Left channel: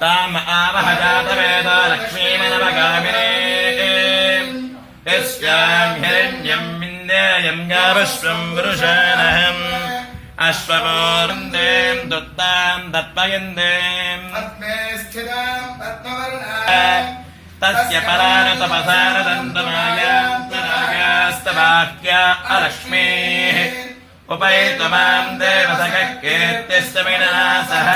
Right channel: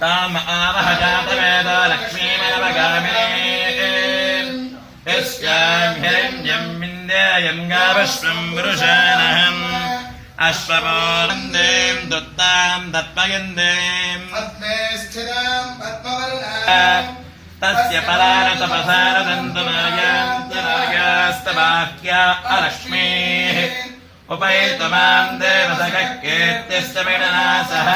ताम आवह जातवेदो लक्ष्मीनवगामिने यस्यां हिरण्यं विन्देयं गाविश्वं वृषाणहम् अश्वपूर्णें दुत्तां दत्पयन्दें पद्मे स्थिरां पद्मवर्णां तस्य पराणि तपसारदन्तमायास्तवाक्या अलक्ष्मीः उपैतुमां देवसखकेत्यस्य विनाशः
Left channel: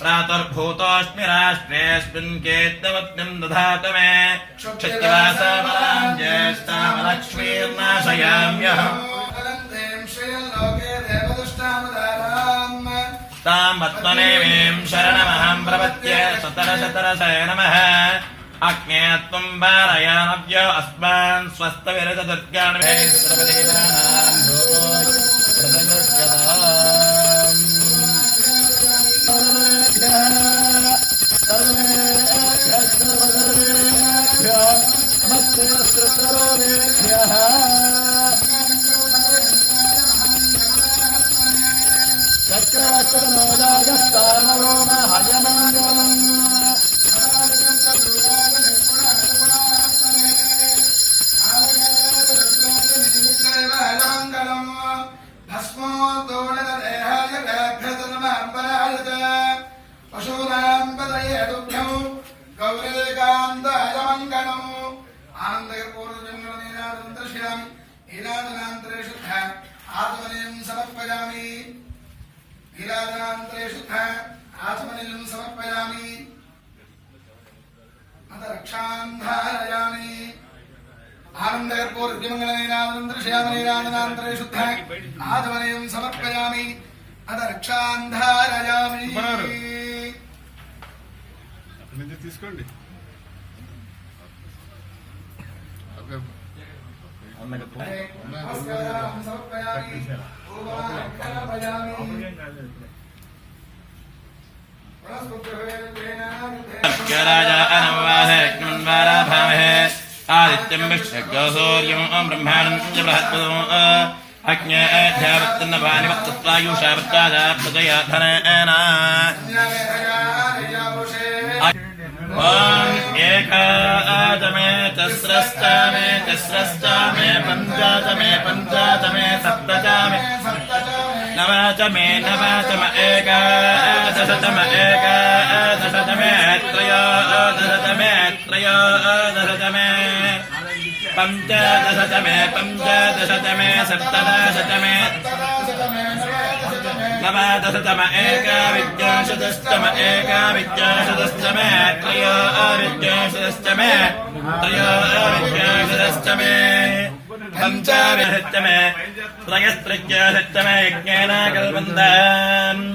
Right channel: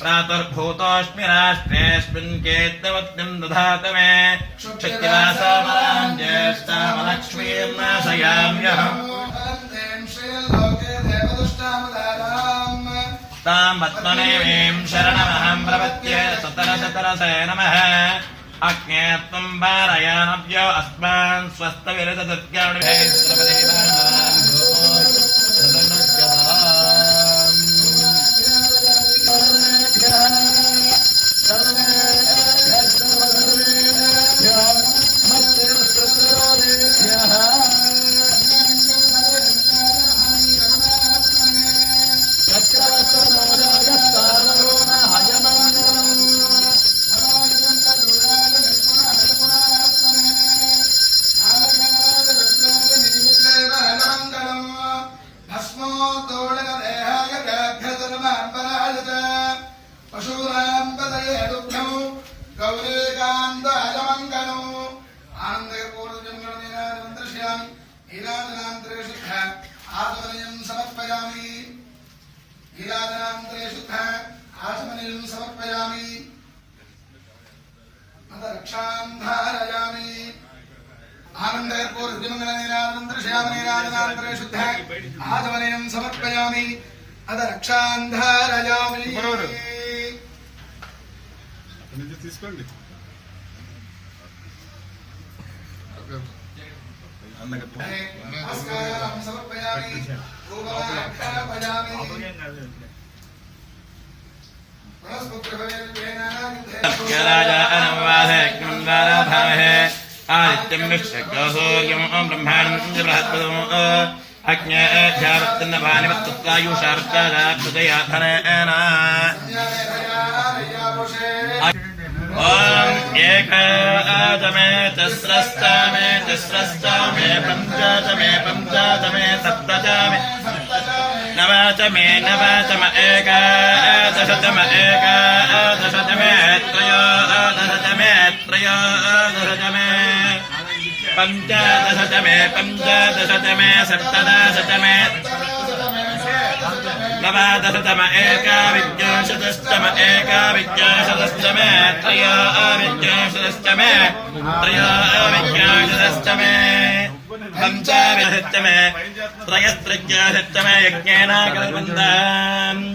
प्रातुर्भूतोऽस्मि राष्ट्रेऽस्मिन् केत्यवत्निं दधातु मे क्षितिवासामलां ज्येष्ठामलक्ष्मीं नाशयाम्यहम् तां पद्मनेवीं शरणमहं प्रपद्ये सतरशतरसे नमः अग्ने त्वं वारयामव्यो अस्मान् स्वस्तविरतदुर्गाणि समर्पयामि रक्षां धारयामि आनन्दपूर्वमङ्गलनीराजनान्तरे शुद्ध आचमनीयं समर्पयामि अथ रक्षां धारयामि తీసుకోండి సమర్పయామి आदित्यं विश्वगौर्यं ब्रह्माणं बृहत्पदम् अग्न्याध्यावत्तन्नवानिवत्तत्वायुषार्चादाभुजयाधनेन एकादमे तिस्रश्चामे तिस्रश्चामे पञ्चाचमे पञ्चाचमे सप्तचामे नवचमे नवचम एकादशतम एकादशतमे त्रयोदशतमे त्रयोदशतमे पञ्चादशतमे पञ्चादशतमे सप्तदशतमे नवदशतम एकाविंशतितम एकाविंशतितमे त्रयोविंशतितमे त्रयोविंशतितमे पञ्चविंशतितमे त्रयस्त्रिंशतितमे यज्ञेन कल्पन्ताम्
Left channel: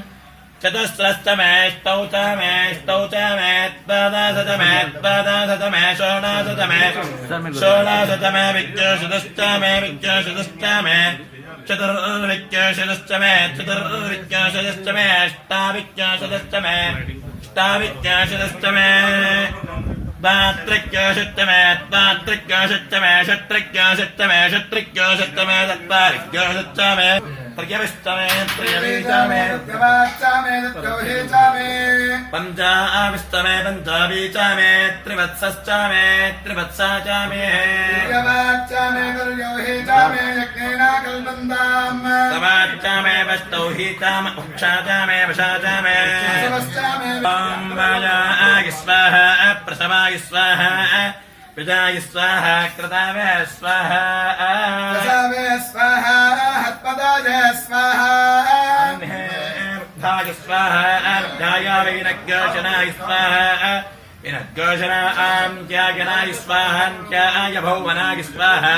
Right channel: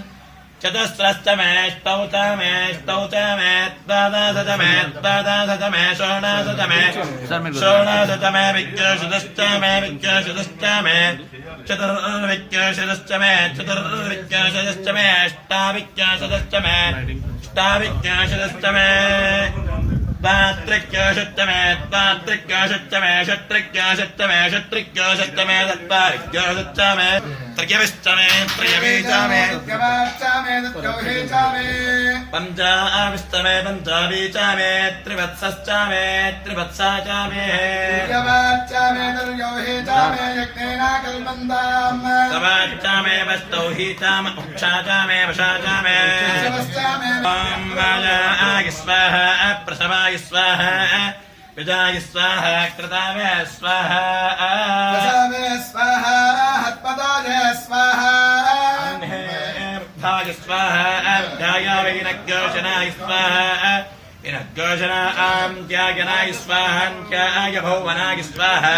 चतुस्रस्तमे स्तौतमे स्तौतमे द्वादशतमे द्वादशतमे षोडशतमे षोडशतमे विद्योषदष्टमे विद्योषदष्टमे चतुर्विद्योषदष्टमे चतुर्विद्योषदष्टमे अष्टाविद्योषदष्टमे अष्टाविद्योषदष्टमे दात्रिक्योषुत्तमे दात्रिक्योषुत्तमे षट्रिक्योषुत्तमे षट्रिक्योषुत्तमे चत्वारिक्योषुत्तमे त्रयविष्टमे त्रयवीचमे त्रयवाष्टमे त्रयोहीचमे पञ्चाविष्टमे पञ्चावीचमे त्रिवत्सश्चमे त्रिवत्साचमे त्रयवाष्टमे त्रयोहीचमे यज्ञेन कल्पन्ताम् तवाष्टमे वस्तौहीचम उक्षाचमे वशाचमे शवश्चमे वाजाय स्वाहा प्रसवाय स्वाहा विजाय स्वाहा कृतावे स्वाहा प्रसवे स्वाहा हत्पदाय स्वाहा भाय स्वाहा अध्याय विनग्योषणाय स्वाहा विनग्योषणां त्यागनाय स्वाहा त्याय भुवनाय स्वाहा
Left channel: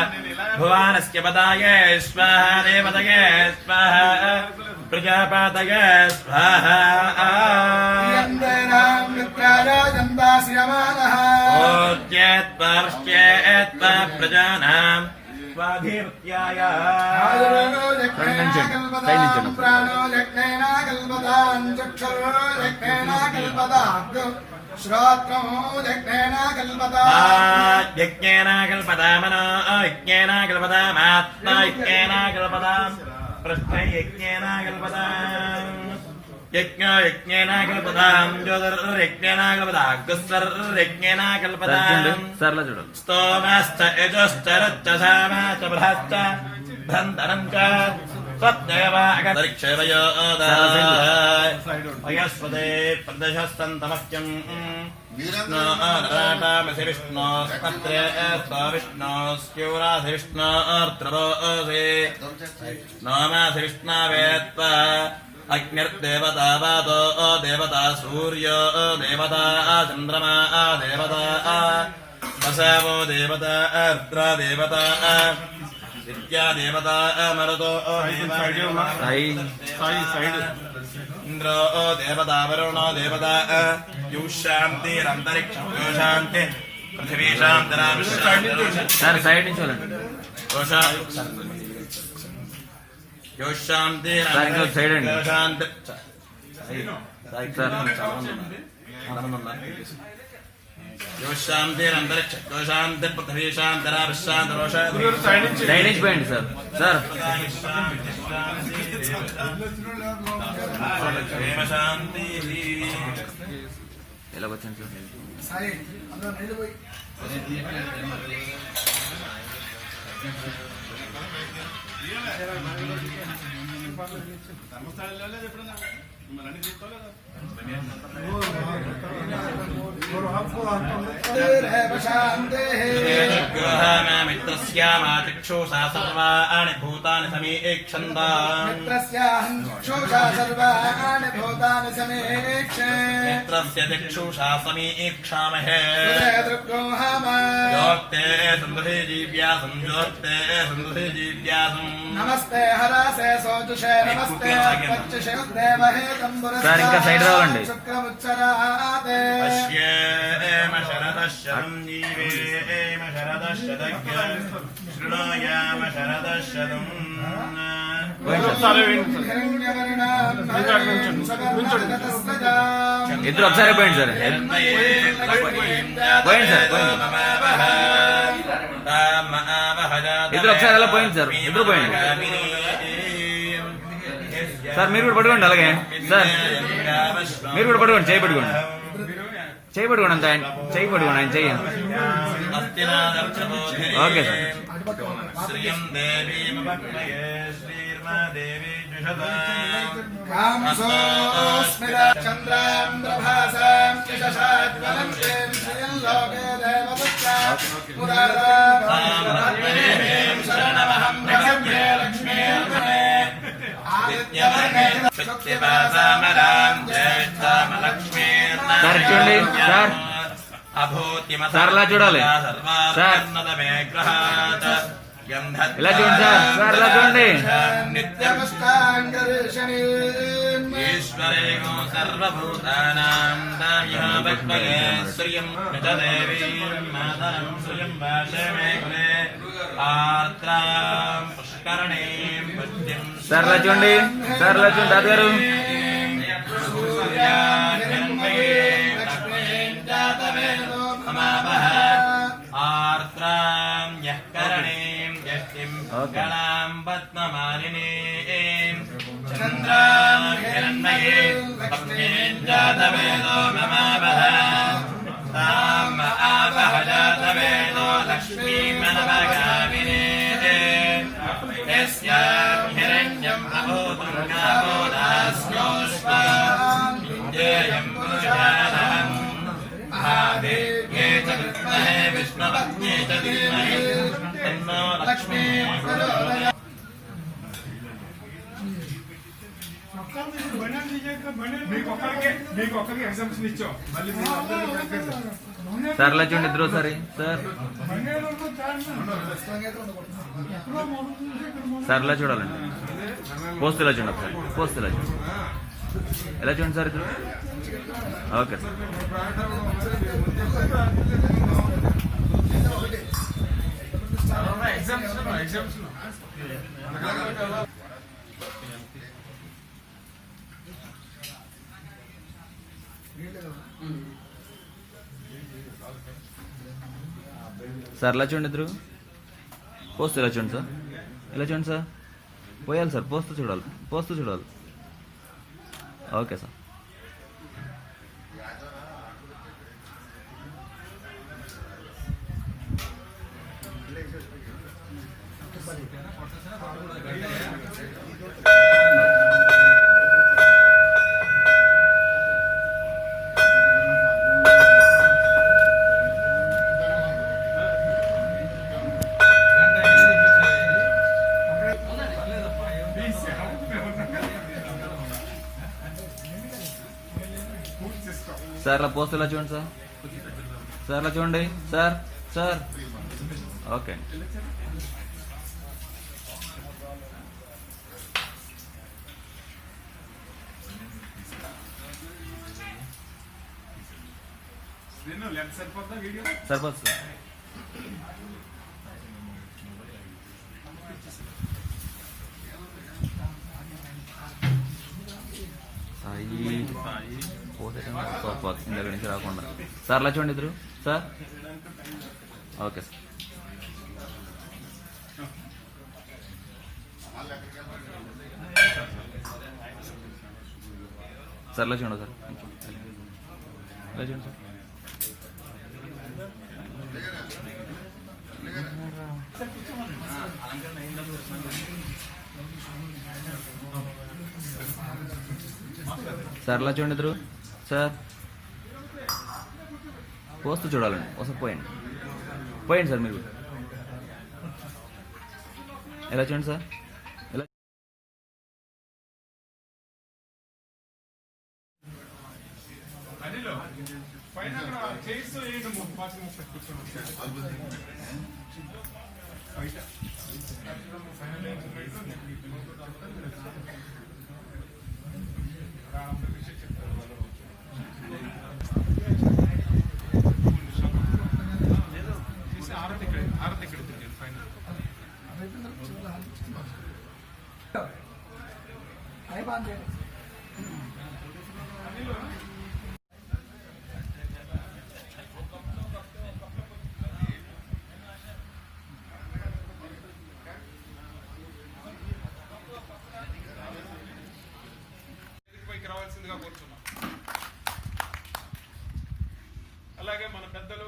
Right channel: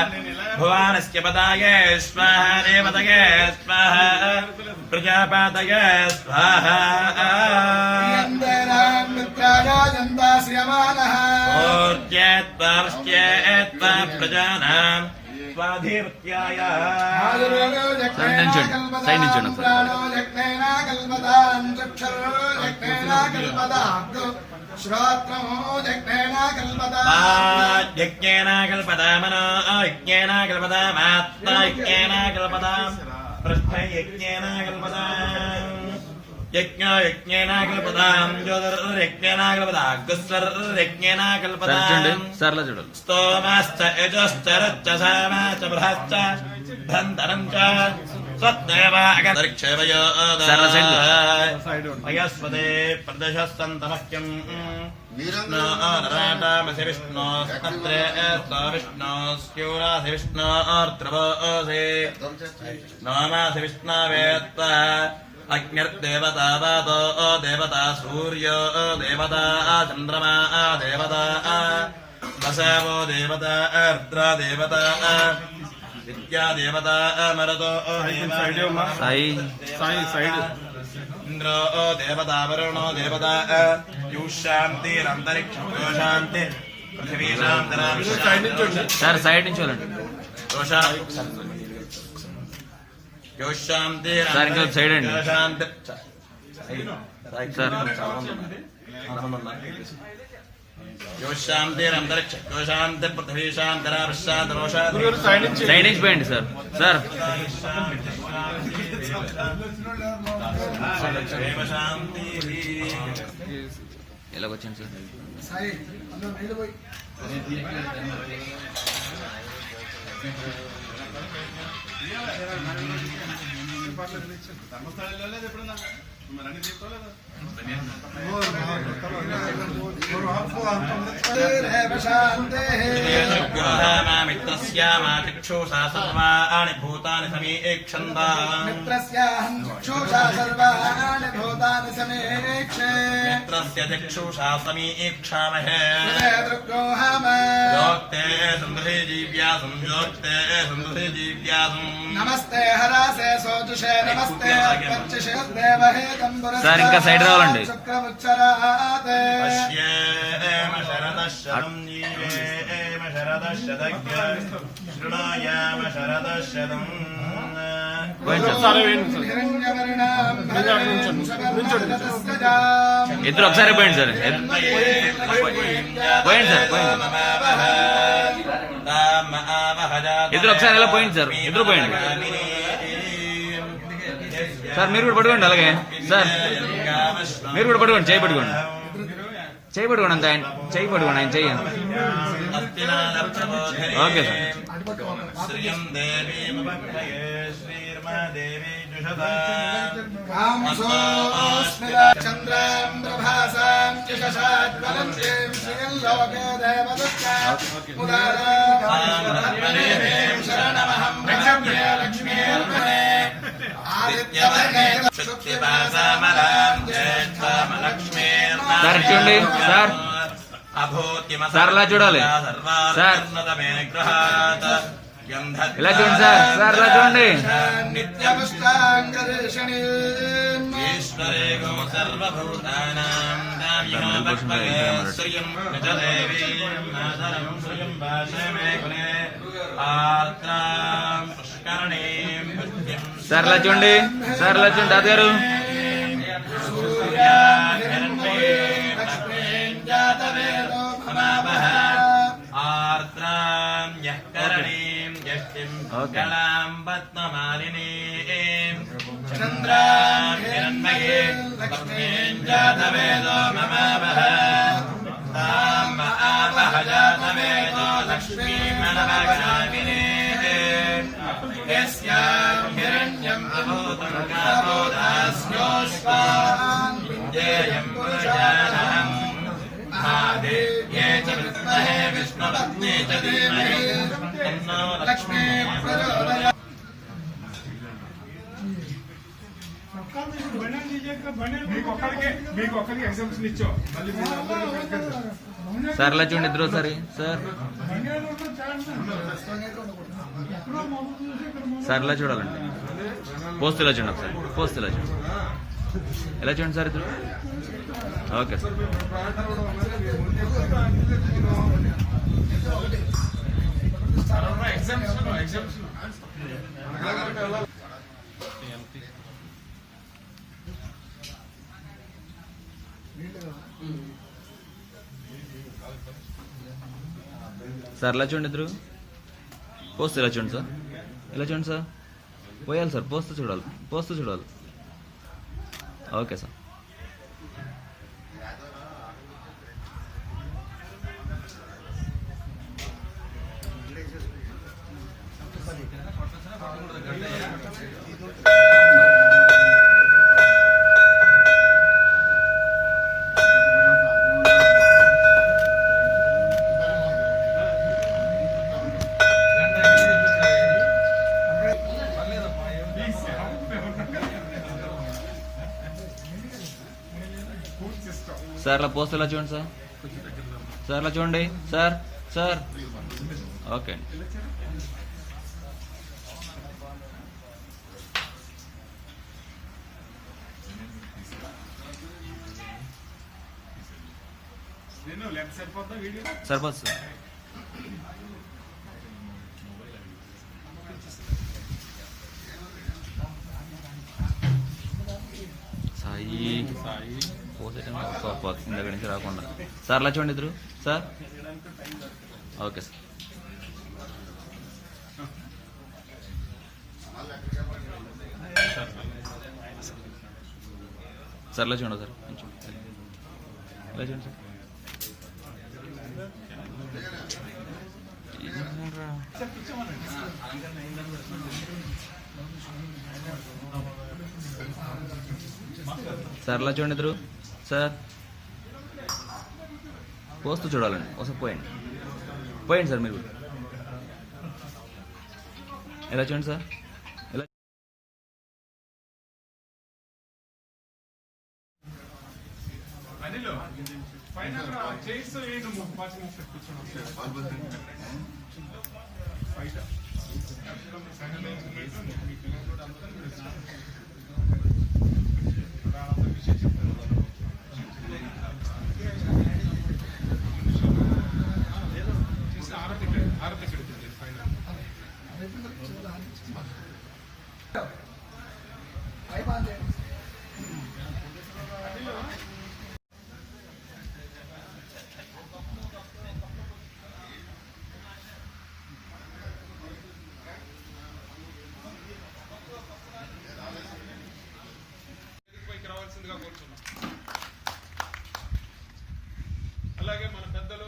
भुवानस्य पदाय स्वाहा देवतये स्वाहा प्रजापतये स्वाहा ओत्येत्त्वा प्रजानां स्वाधिपत्याय श्रोत्रमो यज्ञेन कल्पता मनो यज्ञेन कल्पता आत्मा यज्ञेन कल्पता पृष्ठयज्ञेन कल्पताम् यज्ञेन कल्पताम् ज्योतिर्यज्ञेन कल्पताम् गुस्सर्यज्ञेन कल्पताम् स्तोमश्च यजश्च रज्जसामा च बृहश्च धन्तरम् च स्वस्तेवागतर्क्षवयोदयस्वदे प्रदशस्तन्तमह्यम् विष्णोराटामसि विष्णोस्तत्रे विष्णोस्यूरासि विष्णोर्त्रवोऽसि नोमासि विष्णवेत्त्वा अग्निर्देवता वातो देवता सूर्यो देवता चन्द्रमा देवता वसवो देवता अर्द्रो देवता विद्या देवता मरुतो इंद्रो देवता वरुणो देवता शांतिरंतरिक्षं शांति पृथ्वी शांति सर साइड నుంచి शांति सर इंको साइड అండి शांति सर शांतिरंतरिक्ष शांति पृथ्वी शांति साइड నుంచి పోయండి సార్ సార్ शांति ఎలా వచ్చాను సార్ मित्रस्यामातिक्षुषा सर्वाणि भूतानि समीक्षन्ताम् मित्रस्य दिक्षुषा समीक्षामहे योक्ते सुन्दरे जीव्यासम् योक्ते सुन्दरे जीव्यासम् नमस्ते हरासे सोजुषे नमस्ते पच्चिषे देवहे तंबुरे సార్ ఇంకా సైడ్ రావాలండి शुक्रमुच्चराते पश्येम शरदशतं जीवेम शरदशतज्ञ शृणोयाम शरदशतम् ఇద్దరు ఒకసారి పోయండి సార్ పోయండి సార్ ఇద్దరు ఒకసారి ఎలా పోయింది సార్ ఇద్దరు పోయండి సార్ మీరు కూడా పట్టుకోండి అలాగే సార్ మీరు కూడా పట్టుకోండి చేయి పట్టుకోండి చేయి పట్టుకోండి అంత ఆయన చేయి పట్టుకోండి ఆయన చెయ్యి ఓకే సార్ సార్ చూడండి సార్ సార్ ఇలా చూడాలి సార్ ఇలా చూడండి సార్ సార్ ఇలా చూడండి సార్ ఇలా చూడండి సార్ ఇలా చూడండి తాతగారు ఓకే సార్ ఇలా చూడండి ఇద్దరు ఒకసారి సార్ సార్ ఇలా చూడాలండి పోస్ట్ ఇలా చూడండి ఒకసారి పోస్ట్ ఇలా చూడండి ఎలా చూడండి సార్ ఇద్దరు ఓకే సార్ సార్ ఇలా చూడండి ఇద్దరు పోస్ట్ ఇలా చూడండి సార్ ఇలా చూడండి సార్ పోయాలి సార్, పోస్తూ చూడాలి. Okay sir. సార్ అలా పోస్ట్ ఇలా చూడండి సార్ అలా చూడండి సార్. ఓకే అండి. సరిపోతుంది సార్. సాయి పోసేటం ఇందాక నుంచి రాకుండా సార్ అలా చూడండి ఇద్దరు సార్. Okay sir. సార్ ఇలా చూడండి సార్, ఇలా చూడండి సార్. సార్ ఇలా చూడండి ఇద్దరు సార్. పోస్తూ చూడాలండి. ఒకసారి పోయండి సార్ మీరు. ఎలా చూడండి సార్. ఎలా రావాల్సిందిగా కోరుతున్నాం. అలాగే మన పెద్దలు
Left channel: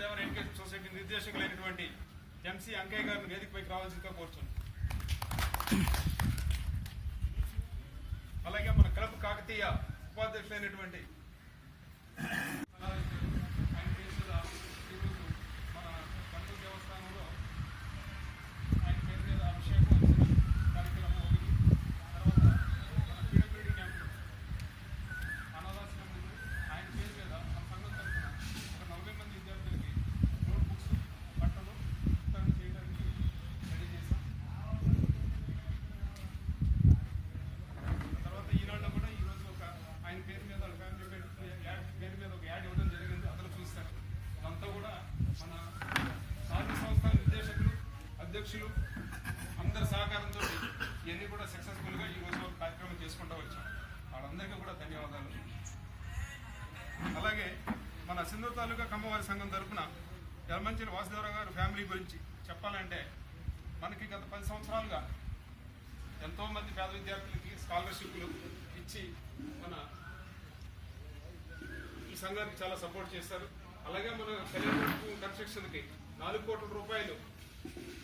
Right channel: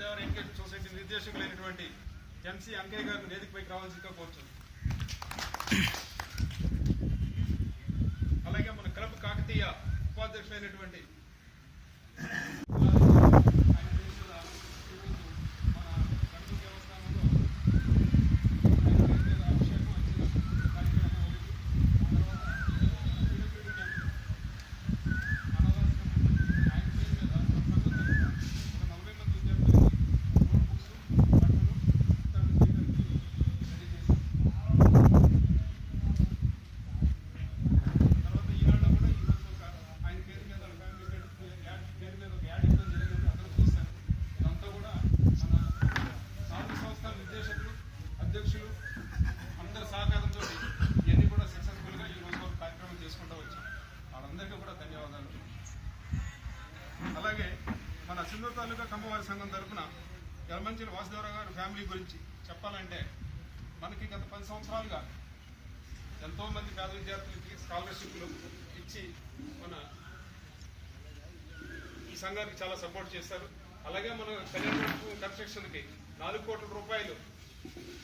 దేవన్ ఎడ్యుకేషన్ సొసైటీ నిర్దేశకులైనటువంటి ఎంసీ అంకయ్య గారిని వేదికపైకి రావాల్సిందిగా కోరుతున్నాం. అలాగే మన క్లబ్ కాకతీయ ఉపాధ్యక్షులైనటువంటి అందరి సహకారంతో ఇవన్నీ కూడా సక్సెస్ఫుల్ గా ఈ రోజు కార్యక్రమం చేసుకుంటూ వచ్చాం. వాళ్ళందరికీ కూడా ధన్యవాదాలు. అలాగే మన సింధూరు తాలూకా కమ్మవారి సంఘం తరఫున యలమంచిలి వాసుదేవరావు గారి ఫ్యామిలీ గురించి చెప్పాలంటే మనకి గత 10 సంవత్సరాలుగా ఎంతో మంది పేద విద్యార్థులకి స్కాలర్షిప్లు ఇచ్చి మన ఈ సంఘానికి చాలా సపోర్ట్ చేస్తారు. అలాగే మన కన్స్ట్రక్షన్ కి 4 కోట్ల రూపాయలు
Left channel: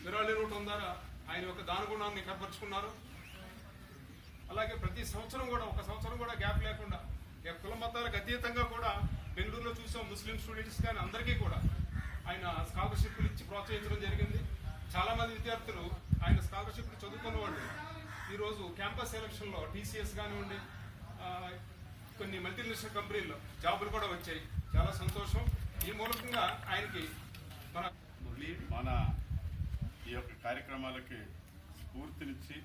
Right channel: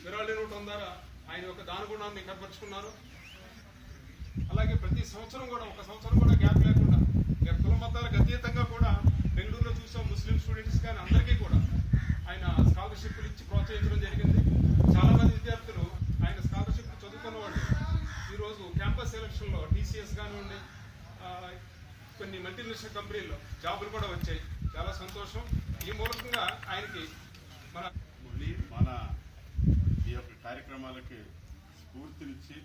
విరాళి రూపం ద్వారా ఆయన యొక్క దానగుణాన్ని ఏర్పరచుకున్నారు. అలాగే ప్రతి సంవత్సరం కూడా ఒక సంవత్సరం కూడా గ్యాప్ లేకుండా కుల మతాలకు అతీతంగా కూడా బెంగళూరులో చూసాం ముస్లిం స్టూడెంట్స్ కానీ అందరికీ కూడా ఆయన స్కాలర్షిప్లు ఇచ్చి ప్రోత్సహించడం జరిగింది. చాలా మంది విద్యార్థులు ఆయన స్కాలర్షిప్లు చదువుకున్న వాళ్ళు ఈరోజు క్యాంపస్ సెలక్షన్ లో టీసీఎస్ కానివ్వండి కొన్ని మల్టీనేషనల్ కంపెనీల్లో జాబులు కూడా వచ్చాయి. చాలా సంతోషం. ఈ మూలకంగా ఆయనకి మన ఈ యొక్క కార్యక్రమాలకి స్ఫూర్తినిచ్చి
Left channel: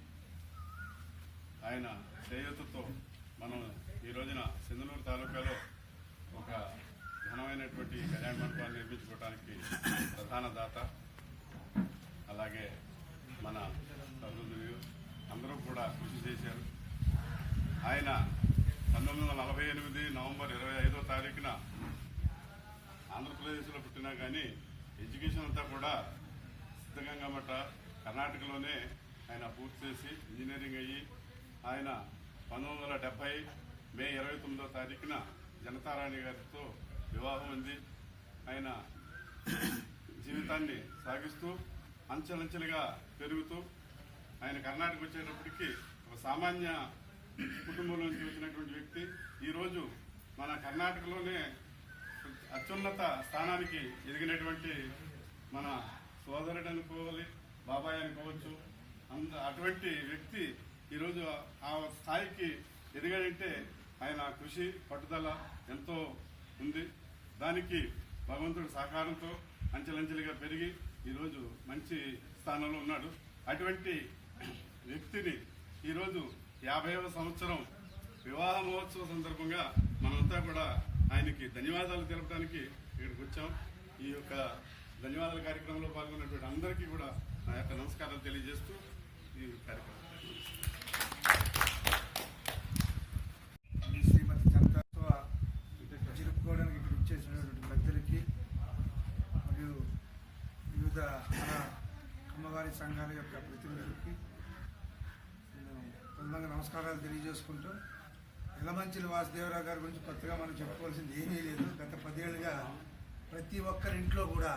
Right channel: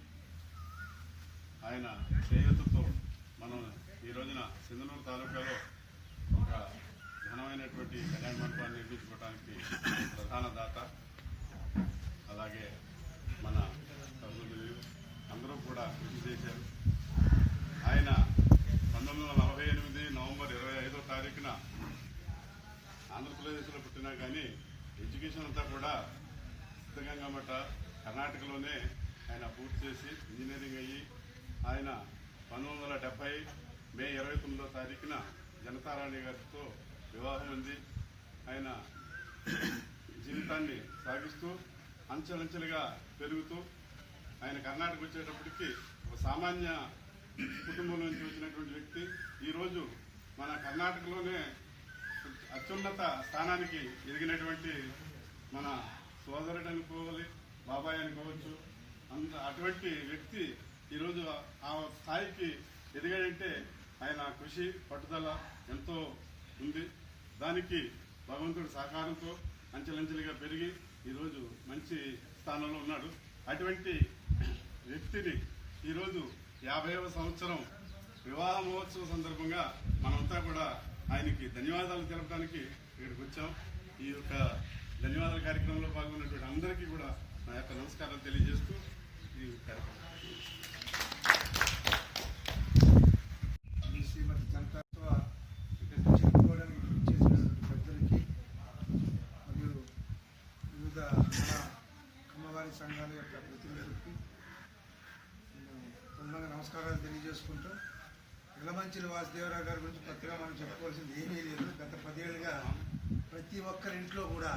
ఆయన చేయూతతో మనం ఈ రోజున సింధనూరు తాలూకాలో ఒక ఘనమైనటువంటి కళ్యాణ మండపాన్ని నిర్మించుకోవడానికి ప్రధాన దాత. అలాగే మన సహోదరులు అందరూ కూడా కృషి చేశారు. ఆయన 1948 నవంబర్ 25వ తారీఖున ఆంధ్రప్రదేశ్లో పుట్టినా కానీ ఎడ్యుకేషన్ అంతా కూడా సిద్ధగంగా మఠ కర్ణాటకలోనే ఆయన పూర్తి చేసి ఇంజనీరింగ్ అయ్యి ఆయన 1970 మే 29వ తారీఖున జనతారాణి గారితో వివాహం ఉంది. ఆయన జీవితాన్ని సాగిస్తూ అంచెలంచెలుగా పెరుగుతూ ఆయన కర్ణాటక వచ్చేటప్పటికి ఒక సామాన్య కుటుంబం నుంచి వచ్చినటువంటి వ్యక్తి ఈరోజు మన కర్ణాటకలోనే అత్యున్నత స్థానానికి ఎదిగినటువంటి మన సోదరుడు అనుకోవాలి, బాబాయ్ అనుకోవచ్చు. అటువంటి వ్యక్తి ఈరోజు ఆ స్థాయికి ఎదిగాడంటే ఆయన కృషి పట్టుదల ఎంతో ఉంది. దానికి భగవంతుడి సహకారంతో అంచెలంచెలుగా పెరిగి ఈరోజు మంచి స్థానంలో ఉన్నాడు. అటువంటి వ్యక్తిని ఈరోజు 50వ సంవత్సరం వివాహ మహోత్సవ సందర్భంగా మనంతా కూడా ఆయనకి ధన్యవాదాలు తెలపడానికి ఇక్కడికి వచ్చాం. ఈ యొక్క ధన్యవాదాల కార్యక్రమంలో పాల్గొన్నటువంటి అందరికీ కూడా నా యొక్క నమస్కారాలు తెలియజేస్తూ ఈ కార్యక్రమం శ్రీమతి జనతాత్వ జరుపుకోవడానికి ఇక్కడ ఇచ్చేసినటువంటి పెద్దలకి మరియు వివిధ మన కమ్మవారి సంఘాల యొక్క ప్రతినిధులకి నేను ప్రధానంగా నమస్కారాలు తెలియజేసుకుంటూ ఎలమంచిలి వాసుదేవరావు గారి గురించి కొత్తగా మనం చెప్పుకోవాల్సింది ఏమీ లేదు. గత 10 ఏళ్ళుగా ప్రతి ఒక్కరి ఇంట్లో కూడా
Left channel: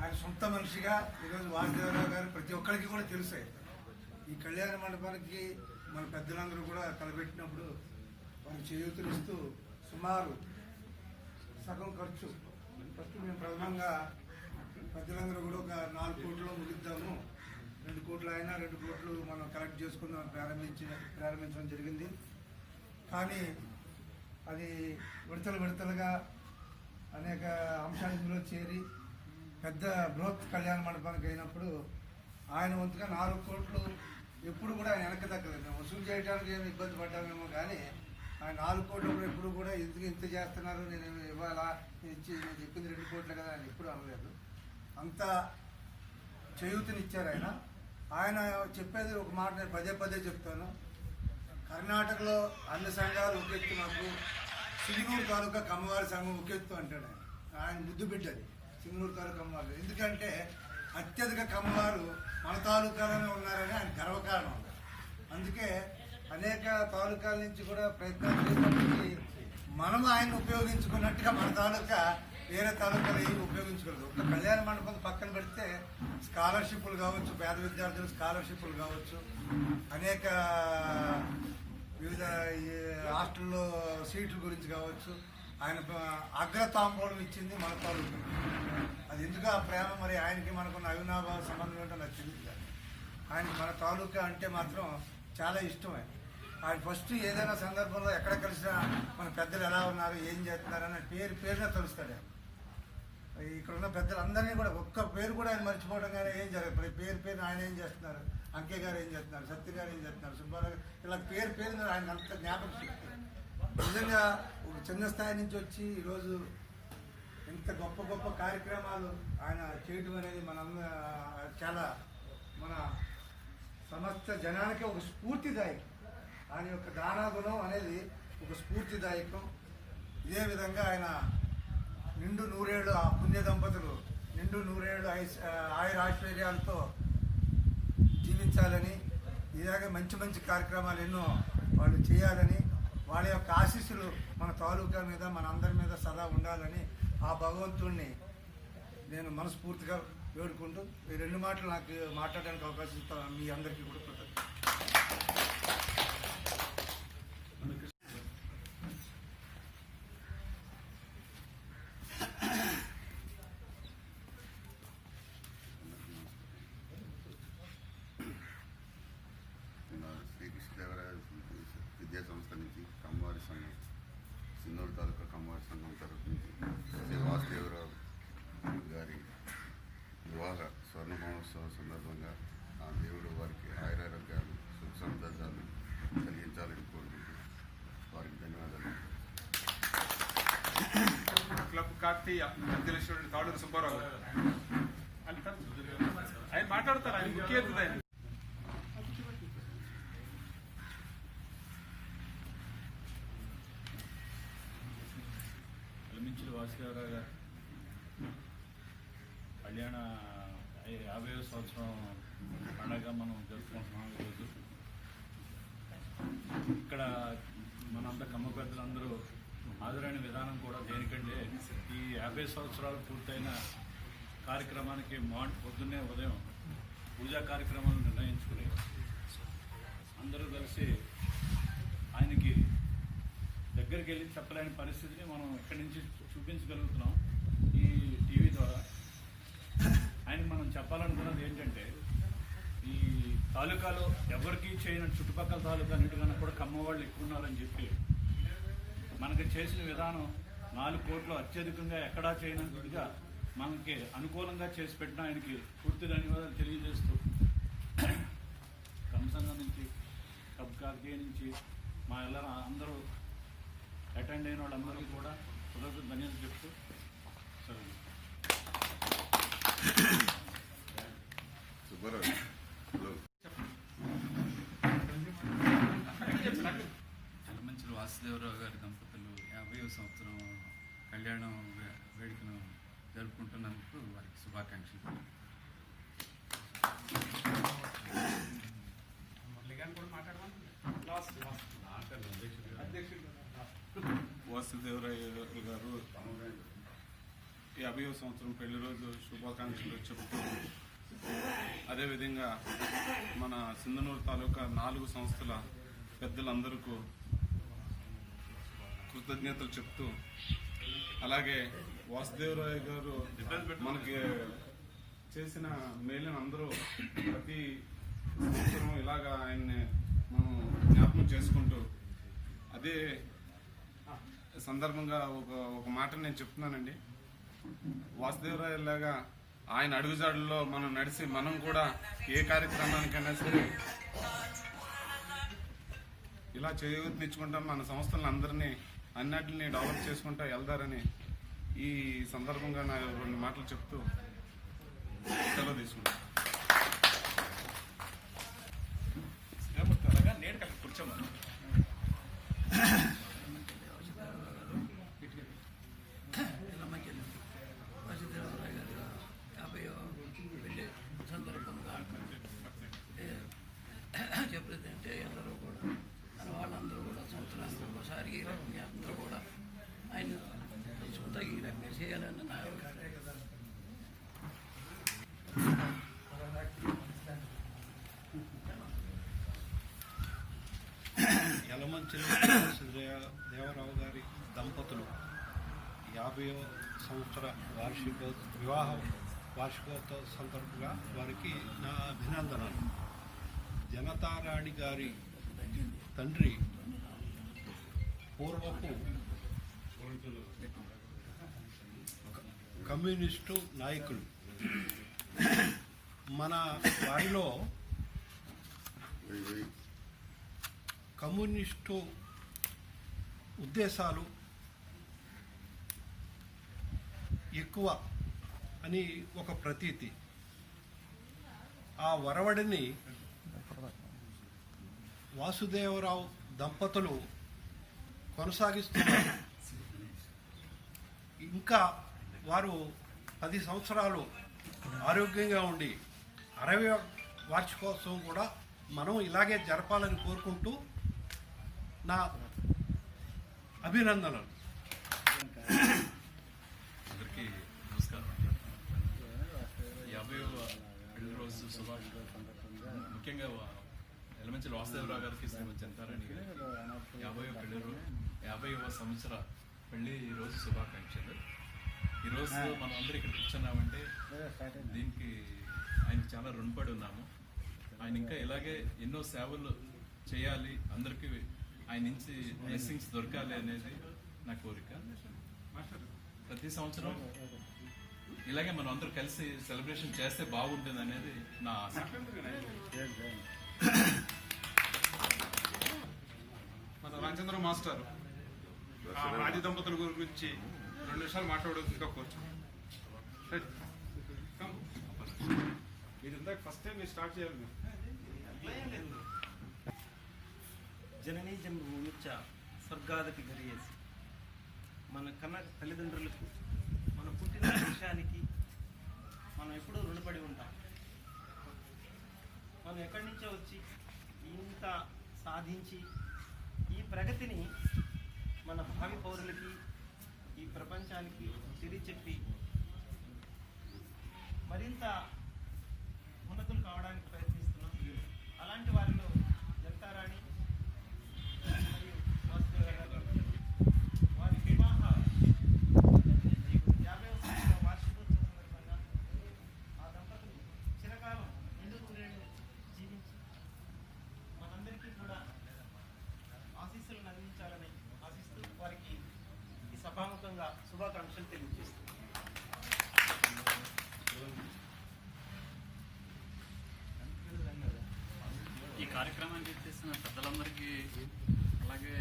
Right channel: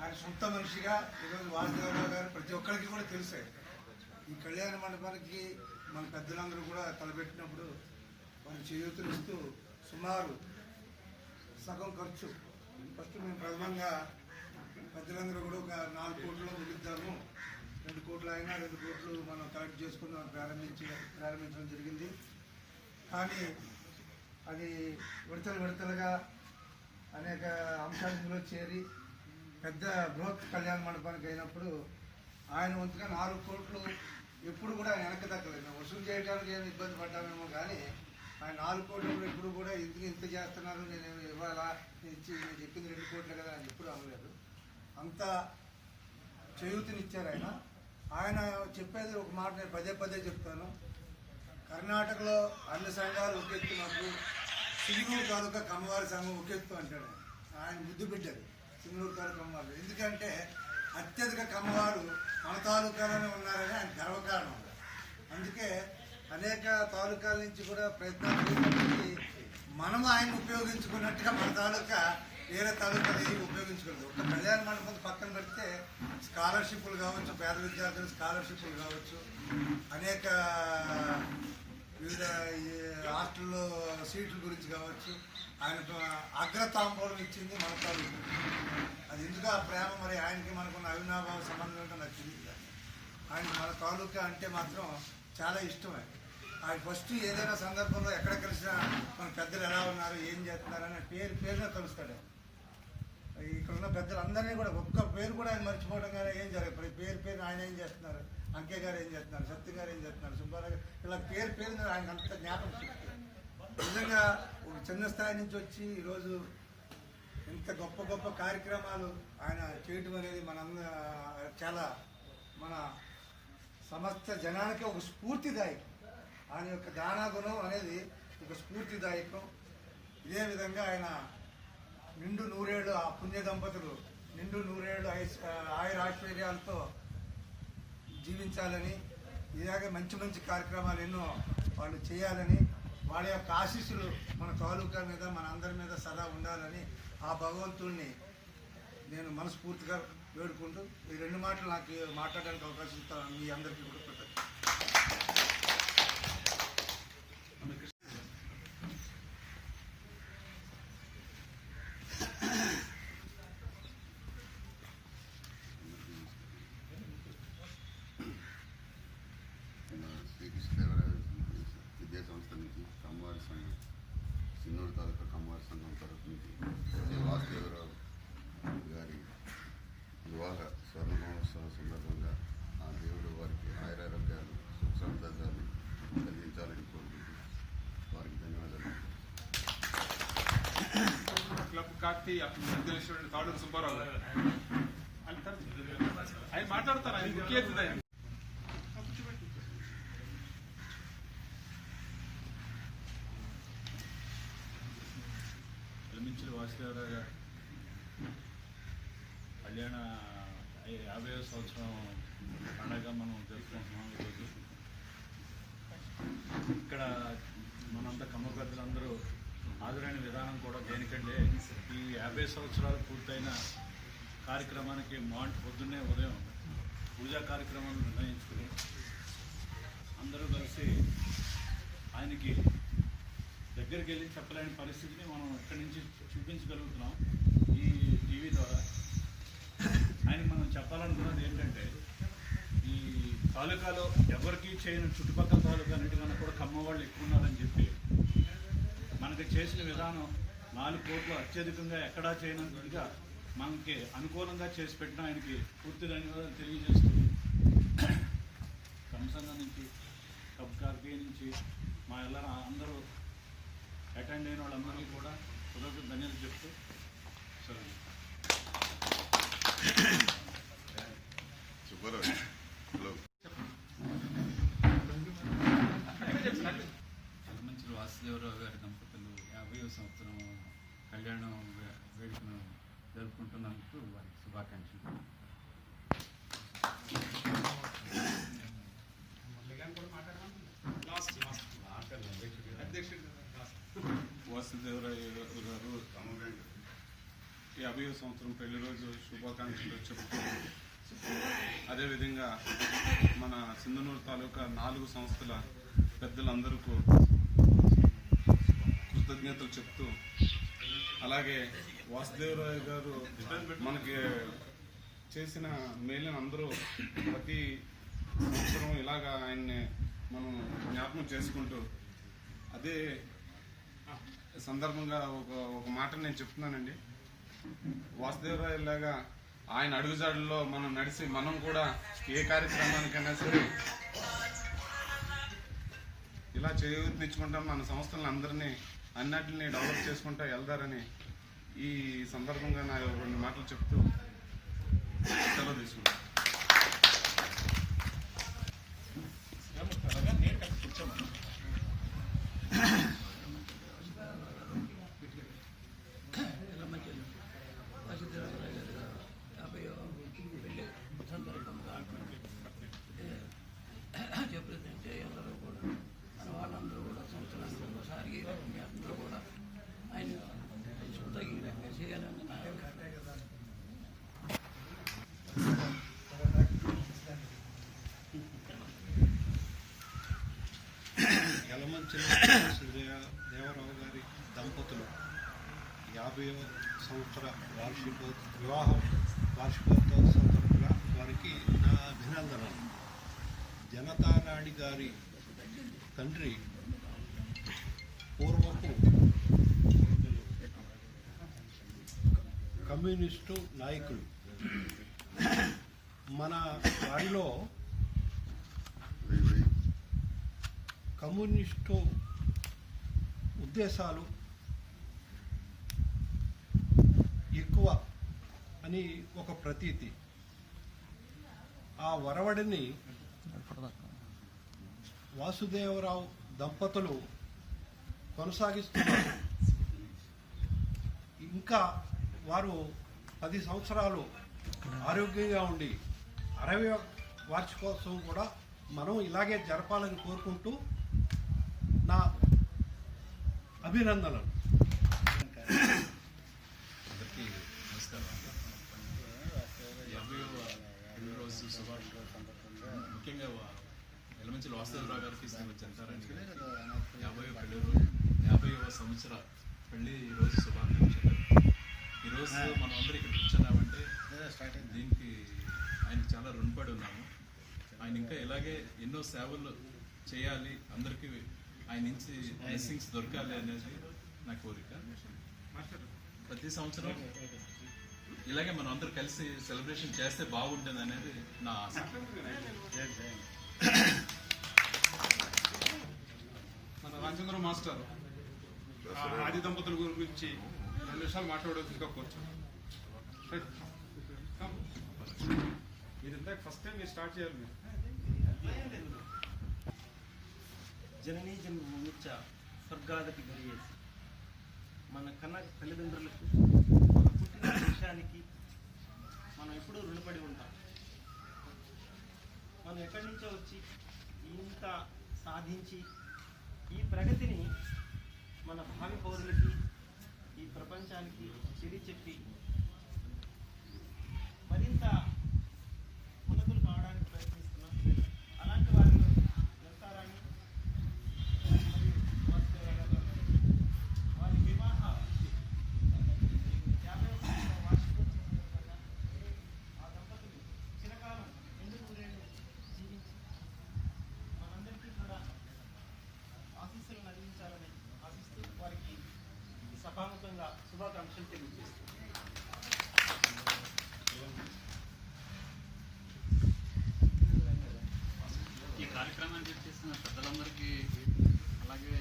ఆయన సొంత మనిషిగా ఈరోజు వాసుదేవరావు గారు ప్రతి ఒక్కరికి కూడా తెలుసు. ఈ కళ్యాణ మండపానికి మన పెద్దలందరూ కూడా తలపెట్టినప్పుడు వారు చేయూతలు ఇస్తూ సుమారు సగం ఖర్చు ఫస్ట్ మేము ప్రథమంగా పెద్దలందరూ కూడా ఒక 4 కోట్లు ముగిద్దాము, 2 కోట్లు అయినా 2 కోట్లు మనం కలెక్ట్ చేసుకుని ప్రారంభించడం జరిగింది. కానీ అది విడతలుగా అనేక అంశాలు ఇందులో చేరి పెద్ద బృహత్ కళ్యాణ మండపానికి అయినప్పుడు ఆయన వంతుగా 4 కోట్లు ఎప్పుడు కూడా ఆయన వెనక్కి దక్కలేదు. మేము వసూలు చేయడానికి ఏమి ఇబ్బంది పడ్డామేమో కానీ ఆయన 4 కోట్లు కూడా ఎప్పుడు కూడా ఇంత చేస్తున్నారు, నేను ఇవ్వాలా, నేను చెప్పింది 2 కోట్లు కదా అని ఎప్పుడు అనలేదు. అంత చేయూతనిచ్చారు ఆయన. ఆయన చెప్పేది ఒక మాట నేను పదే చెప్తాను. కర్ణాటకలో అన్ని సంఘాలు ఒక ఎత్తు, మాకు సింగనూరు తాలూకా కమ్మవారి సంఘం ఒక ఎత్తు అంటాడు ఆయన ముద్దు బిడ్డది సింగనూరు తాలూకా కమ్మవారు. ఎందుకంటే అత్యధిక కమ్మవారు మన తాలూకాలోనే ఉన్నారని ఆయన గర్వకారణం. అందుకే అనేక తాలూకాల నుంచి కూడా ప్రయత్నాలు చేసినప్పటికీ మనం ఆయన ఉపయోగించుకున్నట్టుగా మన తాలూకా వేరే తాలూకాలు ఏమి ఉపయోగించకూడదు. ఒక కళ్యాణ మండపం పక్కన పెడితే స్కాలర్షిప్లు కావచ్చు, పేద విద్యార్థులు స్కాలర్షిప్లు కావచ్చు, అనేక వివిధ హాస్టల్లో సీట్ల గురించి కావచ్చు, ఆయన అగ్రతాంబూలం ఇచ్చింది మన తాలూకా. అది ఎందుకు ఆ ప్రేమ, మరి ఆయనకి మనకున్న అవినాభావ సంబంధం ఏంటో నాకు తెలియదు. కానీ ఆయనకి మన తాలూకా అంటే మాత్రం చాలా ఇష్టమే. ఆయన ఫస్ట్ ఏదైనా సందర్భంలో ఎక్కడ కలిసినా మన పెద్దలు ఎలా ఉన్నారు, ఏం చేస్తున్నారని పేరునే తెలుస్తాడు ఆయన. ఇక్కడ ఉన్న పెద్దలందరినీ కూడా ఒక్క పేరు కూడా ఆయన మర్చిపోవడం కానీ ఏం జరగదు. పేరు ఆయన ఏం చేస్తున్నారు, అంకే గారు ఏం చేస్తున్నారు, సత్య గారు ఏం చేస్తున్నారు, సుబ్బారావు ఇలా పేరు ఆయన అంత జ్ఞాపకం శక్తి. నిజంగా ఒక చిన్న స్థాయి నుంచి వచ్చి ఈరోజు ఇంత గొప్ప కార్యక్రమాలు ఆయన చేయటం అనేది చాలా మన సమస్త జనానికి ఒక స్ఫూర్తిదాయకం. ఆయన యొక్క దానాగుణం అనేది ఒక స్ఫూర్తిదాయకం. ఇదే విధంగా ఆయన నిండు 100 ఏళ్ళు, ఆ పుణ్య దంపతులు నిండు 100 ఏళ్ళు ఆయురాశ్వర్యాలతో జీవించాలని, ఇలాగే మంచి కార్యక్రమాలు ఎన్నో వాళ్ళు చేయాలని, వాళ్ళ యొక్క ఆశీస్సులు మన తాలూకా మీద, మన అందరి మీద సదా ఉండాలని ఆ భగవంతుడిని నేను మనస్ఫూర్తిగా వేడుకుంటూ ఈ 2 మాటలు నాకు మాట్లాడడానికి అవకాశం ఇస్తాను. మీ అందరికీ కూడా కృతజ్ఞతలు. శ్రీకృష్ణదేవరాయ విద్యా సంస్థ నుంచి కమ్మవారి సంఘం, సిన్నూరు తాలూకా కమ్మవారి సంఘం తరఫు నుంచి శ్రీ వాసుదేవరావు గారి వివాహ స్వర్ణ మహోత్సవం సందర్భంగా ఆ దేవుడు వారికి ఆయురారోగ్యాలు, సుఖ సంతోషాలు కలిగించాలని కోరుకుంటూ వారికి ధన్యవాదాలు. క్లబ్ కాకతీయ సత్యలక్ష్మి తాడూరు సుబ్బారావు గారు ఆయన మాట్లాడతారు. ఆయన ముఖ్య అతిథి ఆయన. ఎలమంచిలి వాసుదేవరావు గారు కళ్యాణ 50వ సంవత్సరం పండగ మనం జరుపుకుంటున్నాం ఈరోజు. ఇక్కడ మనంతా కమ్మ పెద్దలందరూ హాజరైన విధానం కూడా దేనికంటే ఈ 50 సంవత్సరాలు పూర్తయిన కార్యక్రమానికి పొద్దున్నే ఉదయం పూజా కార్యక్రమాలు నిర్ణయించుకుని అందరూ కలిసి ఆయనకి దగ్గరికి వెళ్ళి చెప్పలేని పరిస్థితిని మనం ఇక్కడి నుంచి చూపించగలుగుతున్నాం ఈ టీవీ ద్వారా. ఆయనకి మనం చెప్పాలనుకున్నది ఏంటంటే ఈ తాలూకాలో ఎవరికి చేయని చుట్టుపక్కల తాలూకా అన్నిటికన్నా కూడా కమ్మ వాళ్ళు ఎక్కువ ఉన్నారని చెప్పి మనకి చేసిన విధానం 4 కోట్లు అత్యధికంగా ఎక్కడా చేయనంతగా మనకి అనుకూలంగా చేసి పెట్టిన ఆయనకి పూర్తి ధన్యవాదాలు తెలియజేస్తూ కమ్మ సంఘం నుంచి కబ్ కార్తీయ నుంచి మా ಎಲ್ಲರ అందరూ అటెండ్ అయిన వాళ్ళందరికీ కూడా కృతజ్ఞతలు ధన్యవాదాలు చెప్తూ సరే ఎలమంచిలి వాసుదేవరావు గారి దంపతులు 50వ సంవత్సరం కళ్యాణం వేడుకను జరుపుకుంటున్నందుకు వారికి శుభాకాంక్షలు. వాసుదేవరావు గారు 50వ సంవత్సరం పెళ్లి రోజు శుభాకాంక్షలు చెబుతూ, అదేవిధంగా మన సింధనూరు తాలూకా 4 సంస్థల పెద్దలందరికీ కృతజ్ఞతలు చెప్తూ, అలాగే వాసుదేవరావు గారు మనకి చేసిన మేలుని అందరూ ప్రతి సంవత్సరం ఇలాగా ఆయన్ని మనం జ్ఞాపకం చేసుకుంటూ, అదే సందర్భంగా ఒక మాట నేను చెప్తున్నానండి. వాసుదేవరావు లాగా ఆయన అడుగుజాడల్లో మనం నడిచి మనం కూడా ఏ కార్యక్రమానికైనా సరే ఇలా చేయూతనిచ్చుకుంటాం, మన సంస్థలను అందరినీ అన్నిటిని డెవలప్ చేసుకుంటా వెళ్తారని ఈ సందర్భంగా నా 2 మాటలు చెప్తూ సెలవు తీసుకుంటాను. వాసుదేవరావు గారు 50వ పెళ్లి సందర్భంగా చెప్పేదంటే అందరూ కూడా మన వాళ్ళందరూ కూడా సంవత్సరానికి ఒకసారి ఈ రకంగా అందరూ కూడా ఆయన సొంత ఈ రకంగా చేయాలని నా యలమంచిలి దేవరావు గారి దంపతులు 50వ సంవత్సర వివాహ వార్షికోత్సవ సందర్భంగా వారికి నా అభినందనలు. జనతారాణి గారి తండ్రి పూర్వపు కమ్యూనిస్టు నాయకులు. మన వారిలో కమ్యూనిస్టు ఉద్దేశాలు ఎక్కువ అని ఒక ప్రతీతి. ఆ వరవడిని వాసుదేవరావు దంపతులు కొనసాగిస్తున్నారు. ఇంకా వారు 10 సంవత్సరాలు ఆరోగ్యంగా ఉండి 60వ వార్షికోత్సవం కూడా మనం ఇలాగే జరపాలని కోరుకుంటూ నా అభినందనలు. అందరికీ నమస్కారం. 50వ పెళ్లి రోజు శుభాకాంక్షలు. ముఖ్యంగా ఎలమంచిలి వాసుదేవరావు గారికి శ్రీమతి జనతారాణి గారికి 50వ సంవత్సర పెళ్లి రోజు శుభాకాంక్షలు. ఈరోజు మనం అందరూ ఇక్కడ కూర్చున్నామంటే దీనికి ఆయనకి చాలా రుణపడి ఉన్నాము. ఆయన ఇంకా ఇలాగే ఎన్నో సేవలు చేయాలి, అందరికీ ఆయన నుంచి బ్లెస్సింగ్స్ దొరకాలి అనేది నా కోరిక. ప్రతి సంవత్సరం ఇలాగే మనం అందరూ కలిసి సెలబ్రేషన్ చేస్తే బాగుంటుంది అనేది నా ఆశ. మన రామచంద్ర మాస్టర్ ఆది దంపతుల గురించి 2 నిమిషాలు మాట్లాడవలసిందిగా కోరుచున్నాను. మీరు ఇందాక ఫస్ట్ టైం మీరు స్టార్ట్ చేయాలి. మీరు జననీ జన్మభూమిచ్చ స్వర్గాదపి గరియేసి. మన కన్న తల్లిదండ్రులకు మన పుట్టిన దేశానికి మనం ఎప్పుడూ రుణపడి ఉంటాం. మనం ఎక్కడి నుంచో వచ్చి ఇంత సాధించి ఈ ప్రగతిని మన భావి పౌరులకి ఈ ప్రపంచానికి తెలియచెప్పి మరింత ఉన్నతులు కావడానికి ప్రయత్నిస్తున్నాం. అలాంటి వారిలో జనతారాణి మరియు వారి వివాహ 50వ వార్షికోత్సవం సందర్భంగా ఆ దంపతులు చిరకాలం నిండు నూరేళ్లు జీవించి మనందరికీ కూడా ఆశీస్సులను అందించాలని ఆశిస్తూ వారికి ఈ సభాముఖంగా శుభాకాంక్షలు తెలియజేస్తున్నాను. ఈ కార్యక్రమాన్ని చేసిన పెద్దలందరికీ అలాగే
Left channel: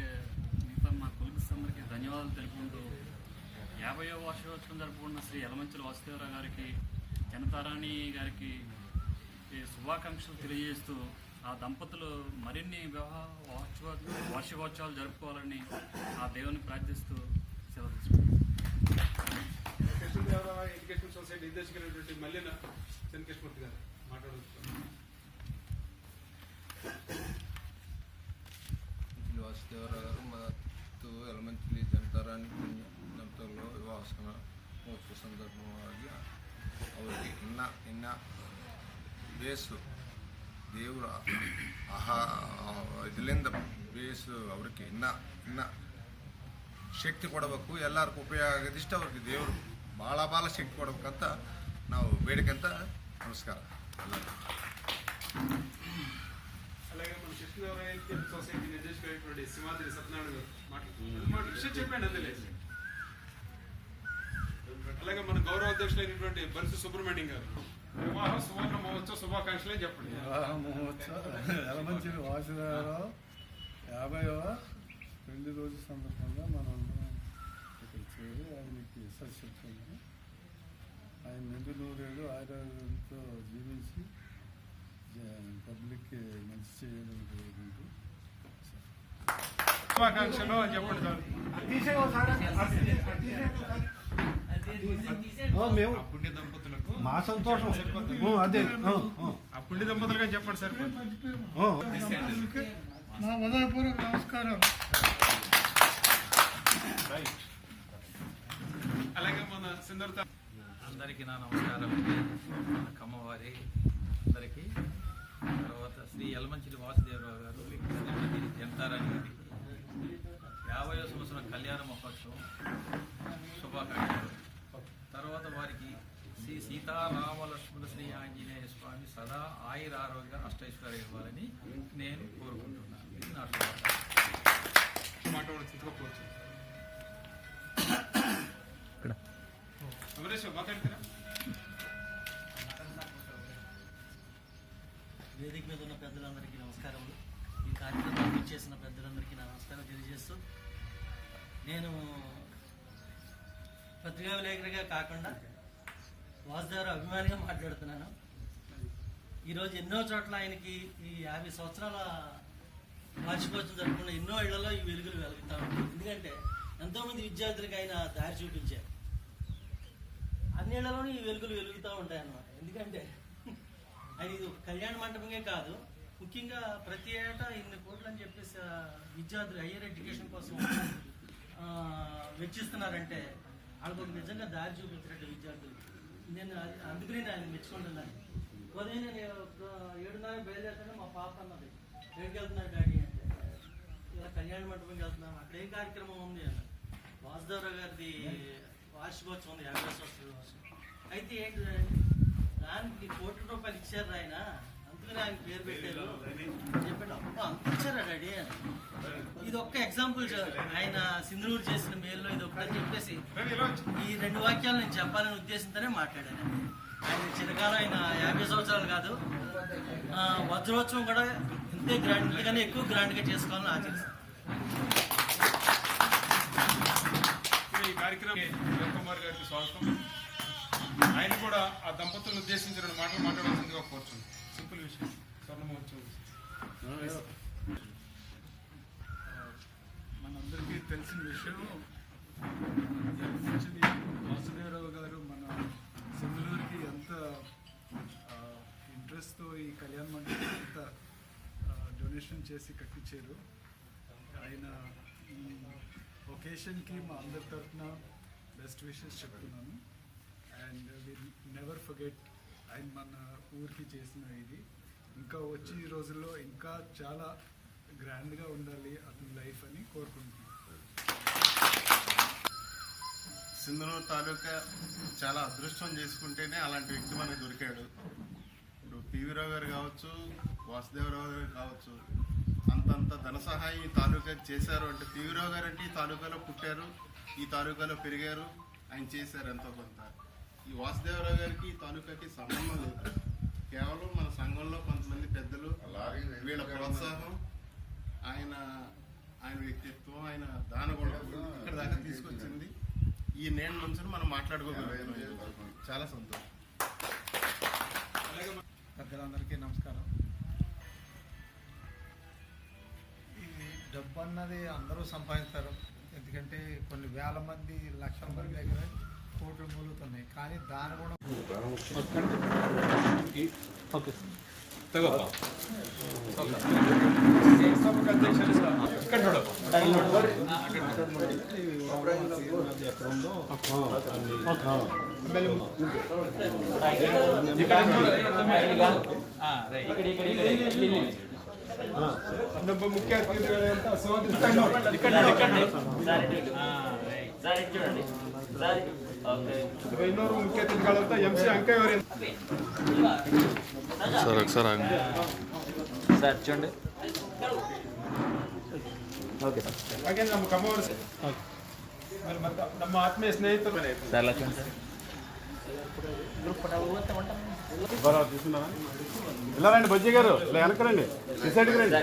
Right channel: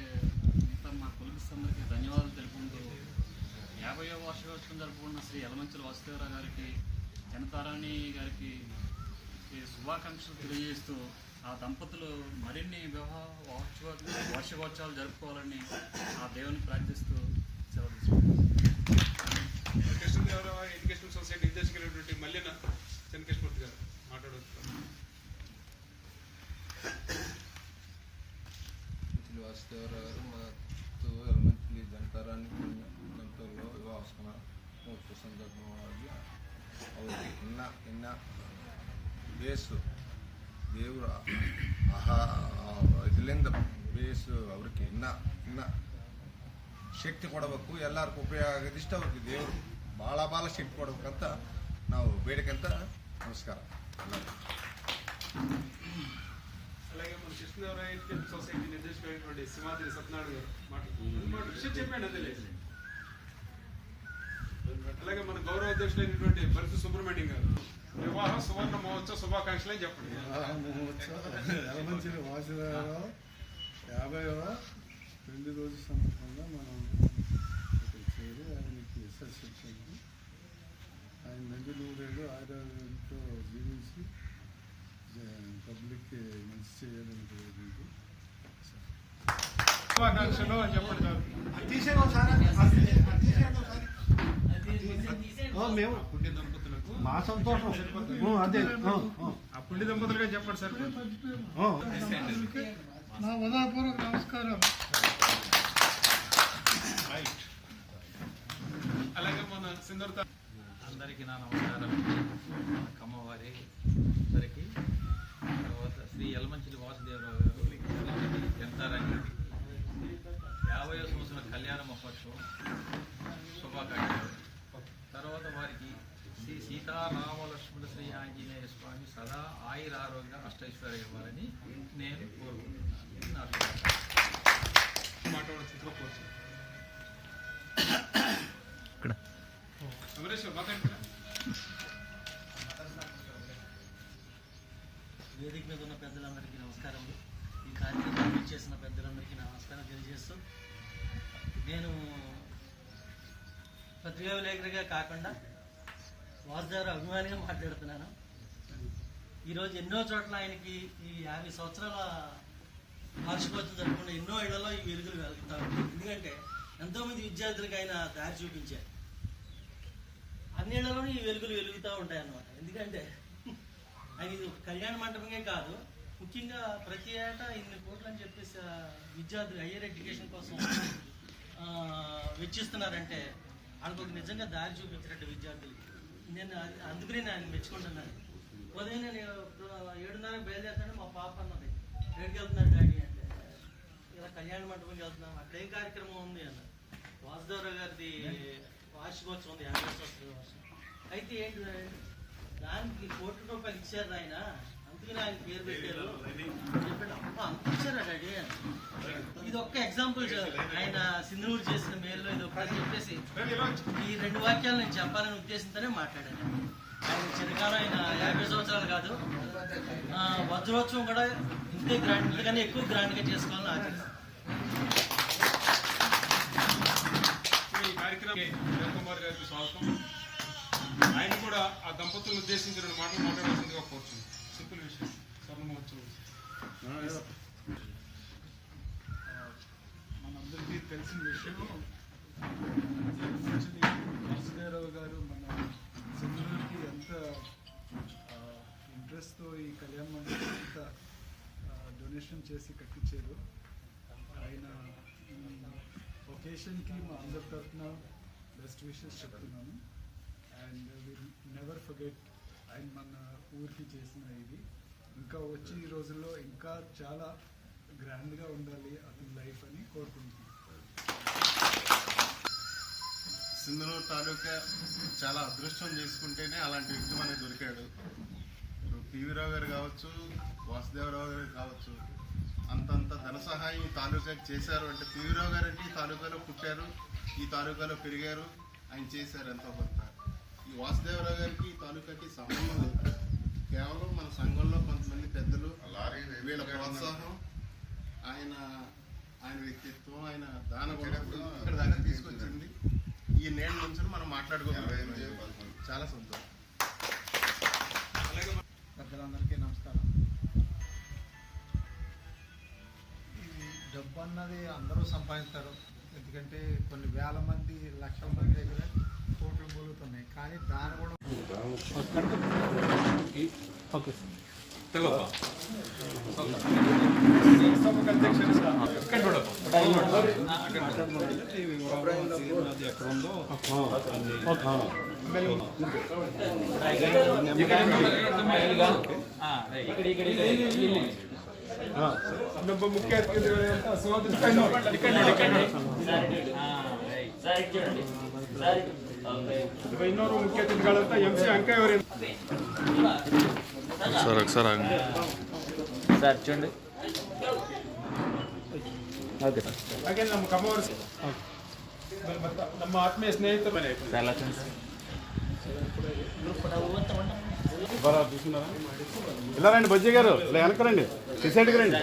మిగతా మా కొలిపిస్తందరికీ ధన్యవాదాలు తెలుపుకుంటూ 50వ వార్షికోత్సవం జరుపుకున్న శ్రీ యలమంచిలి వాసుదేవరావు గారికి జనతారాణి గారికి శుభాకాంక్షలు తెలియజేస్తూ ఆ దంపతులు మరిన్ని వివాహ వార్షికోత్సవాలు జరుపుకోవాలని ఆ దేవుని ప్రార్థిస్తూ సెలవు తీసుకుంటాం. కృష్ణదేవరావు ఎడ్యుకేషనల్ సొసైటీ నిర్దేశకులైనటువంటి మల్లెన చెన్నకృష్ణమూర్తి గారు మాట్లాడుతున్నారు. వాసుదేవరావు గారు ಮತ್ತು ಯಲಮಂಚಿಲಿ ಜನತಾರಾಣಿ ದಂಪతుల్లో వివాహ మహోత్సవ సందర్భంగా ಅವರಿಗೆ ಇನ್ನ ಬೇಸು ದೇವರ ಇದರಿಂದ ಬೇಸು ಅವ್ರಿಗೆ ಇನ್ನ ಶಕ್ತಿ ಕೊಡಬೇಕು, ಎಲ್ಲರಿಗೂ ಉಪಯೋಗ ಆಗೋದಿಷ್ಟು ಅವ್ರಿಗೆ ದೇವರು ಭಾಳ ಶಕ್ತಿ ಕೊಡ್ಬೇಕಂತ ನಾವು ಬೇಡಿಕೆಂತ. ನಮಸ್ಕಾರ ಎಲ್ಲರಿಗೂ. అలాగే మన కృష్ణదేవరాయ సొసైటీ నిర్దేశకులైనటువంటి సింహాద్రి సత్యనారాయణ గారు మాట్లాడుతున్నారు. విషయం చెప్పండి అందులే. అలాగే మన గౌరవ అధ్యక్షులైనటువంటి బరిసి సుబ్రహ్మణ్యం గారు వివాహ సువర్ణ మహోత్సవ శుభాకాంక్షలే చెప్పండి. వివాహ మహోత్సవ యలమంచిలి వాసుదేవరావు 50వ పెళ్లి రోజు సందర్భంగా మనం ఇక్కడ చేరి ఆయనకి యశస్సు ఆయన నిండు నూరేళ్ళు ఆరోగ్యంతో జీవించి పబ్లిక్కి మంచి చేయాలని కోరుకుంటూ శుభాకాంక్షలు అని చెప్పండి సార్. మేము పుణ్య దంపతులకు మా సంతోషం అదే ఆ పుణ్య దంపతులుగా చెప్పండి సార్. నా హృదయపూర్వక నమస్కారం. అలాగే మన సుందరత అందరికీ నా నమస్కారం. మన కమ్మవారి అందరికీ, తర్వాత శ్రీ యలమంచిలి వాసుదేవరావు గారు జనతారాణి గారికి 50వ సంవత్సరం కళ్యాణ మహోత్సవం శుభాకాంక్షలు. తర్వాత వారికి శ్రీ సీతారామలక్ష్మణ శ్రీ ఆంజనేయ స్వామి సదా ఆయుర ఆరోగ్య అష్టైశ్వర్యం ఇవ్వాలని నేను కోరుకుంటున్నాను. ఇది నా శుభాకాంక్షలు. మాట్లాడచ్చు అమరేష్ మాట్లాడుతున్నా. వేదిక మీద ఉన్న పెద్దలందరికీ నమస్కారములు. ఈ కార్యక్రమాన్ని చేసిన పెద్దలందరికీ నా నమస్కారం తెలియజేస్తూ, నేను పత్రికా విలేకరిగా కాకుండా వాసుదేవరావు అభిమానిగా మాట్లాడుతున్నాను. ఈరోజు ఎన్నో చోట్ల ఆయనకి ఈ 50 సంవత్సరాల వార్షికోత్సవం జరుపుకున్న ఎన్నో ఇళ్లలో ఈ వెలుగులు వెలుగుతా ఉంటాయి. ఎందుకంటే ఎంతోమంది విద్యార్థులకు ఆయన దారి చూపించారు. అన్ని ఇళ్లలోనూ ఈ వెలుగులు వెలుగుతూ ఉంటాయి అన్నమాట. ఎందుకంటే ఆయన ఇది కళ్యాణ మండపమే కాదు, ముఖ్యంగా ప్రతి ఏటా ఇన్ని కోట్లు అని చెప్పేసి విద్యార్థులు హయ్యర్ ఎడ్యుకేషన్ కోసం వెచ్చిస్తున్నారంటే వాళ్ళకు నిజంగా దారి చూపించినట్టు విద్యార్థులకి. నేను అందుకనే నేను మెచ్చుకుంటున్నాను. ఉదయం నేను 7:30 బయలుదేరుతాను, మా పాప అన్నది ఎక్కడికి వెళ్తున్నారు డాడీ అంటే, ఇలా కళ్యాణ మండపంకి వెళ్తున్నాం. అక్కడేం కార్యక్రమం ఉంది అన్న. వాసుదేవరావు గారిది వార్షికోత్సవం ఉంది, 50వ సంవత్సరం వార్షికం. అయితే ఏంటి దానికి ₹1 కోటి ఇచ్చారు ఆయన, అందుకని ఆయన పేరు పెట్టారు. అంత ఇచ్చారా డాడీ? ఇది ఒక్క ఎగ్జాంపుల్ ఆయన సింధూరు చేసిన మేల్లో ఇది ఒకటి చెప్పేసి ఈ 2 వాక్యాలు నేను చెప్పాలనే ఉద్దేశంతోనే మాట్లాడాను. ఆయన చిరకాలం ఆయన 50 సంవత్సరాలు కాదు, వజ్రోత్సవం కూడా ఇంతే గ్రాండ్, ఇంతకన్నా ఎక్కువ గ్రాండ్గా చేసుకోవాలని ఆశిస్తాను. ఈ కార్యక్రమం కుమార్ గారికి స్వాగతం. ఆయన కూడా ఆ దంపతులను ఉద్దేశించి 2 మాటలు మాట్లాడాల్సిందిగా కోరుచున్నాను. సింపుల్ విషయం, స్వర్ణ మహోత్సవం. మనందరికీ తెలిసిన విషయం, వాసుదేవరావు గారు మన సింధూరుకి ఎంత ఇంట్రెస్ట్తో ఈ కళ్యాణ మండపం అంతా డొనేషన్ చేసి కట్టించారు. ఆయన ఈ ఒకేషన్కి మా అందరి తరఫున బెస్ట్ విషెస్ చెప్తున్నాను. అండ్ విల్ నెవర్ ఫర్గెట్ ఆయన మన ఊరికి చేసిన ఇది. ఇంకా వచ్చే రోజుల్లో ఇంకా చాలా గ్రాండ్గా ఉండాలి అతని లైఫ్ అని కోరుకుంటున్నాను. సింధనూరు తాలూకా చాలా అదృష్టం చేసుకుంటేనే అలాంటి వ్యక్తి మనకు దొరికాడు. ఇప్పుడు పివి రావు గారు కావచ్చు, వాసుదేవరావు గారు కావచ్చు, అంతంత ధన సహాయం ఈ తాలూకాకి చేశారు అంటే పివి రావు గారు అంటే ఈ తాలూకాలో పుట్టారు, ఈ తాలూకాలో పెరిగారు, ఆయన చేశారు ఎంతో కొంత. ఈ వాసుదేవరావు గారికి ఈ తాలూకాకి సంబంధం లేదు. కేవలం మన సంఘంలో కొంతమంది పెద్దలు వీళ్ళ ప్రోత్సాహం, ఆయన వ్యక్తిత్వం, ఆయన దానగుణం ఇక్కడ దాకా తీసుకొచ్చింది. ఈ నేడు నుంచి మనం మాట్లాడుకోగలం. చాలా సంతోషం. పెద్దలందరికీ నమస్కారం. ఇది డబ్బు అన్నది అందరూ సంపాదిస్తారు. ఎందుకంటే కొన్ని వేల మంది, లక్షల మంది దగ్గర కోట్లు మూలుగుతున్నాయి. కానీ దాని కూడా ముఖ్య ಅತಿಥಿಗಳಂತ MC ಅಂಕಯ್ಯವರು ఒకసారి సార్ చూడండి. Okay sir. ಹಾಗೆ ನಮ್ಮ ಕಮ್ಮವರು ನಮ್ಮ ಆತ್ಮೀಯ ಸ್ನೇಹಿತರು తీసుకున్నారా? ఇలా రండి బొజ్జి గారు, ఇలా వెనకరండి, సొసైటీకి రండి.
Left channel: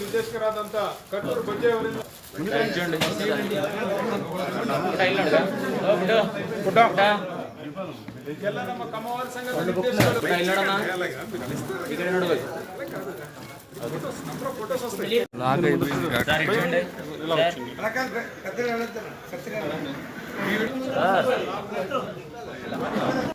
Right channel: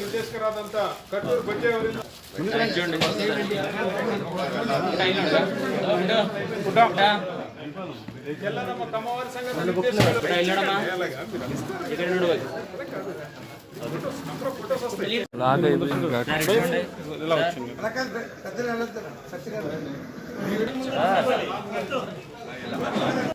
నిర్దేశకరాదంత కట్టూరు బొజ్జి ఎవరు ನಮ್ಮ ಕಮ್ಮವಾರಿ ಸಂಘದ నిర్దేశకులు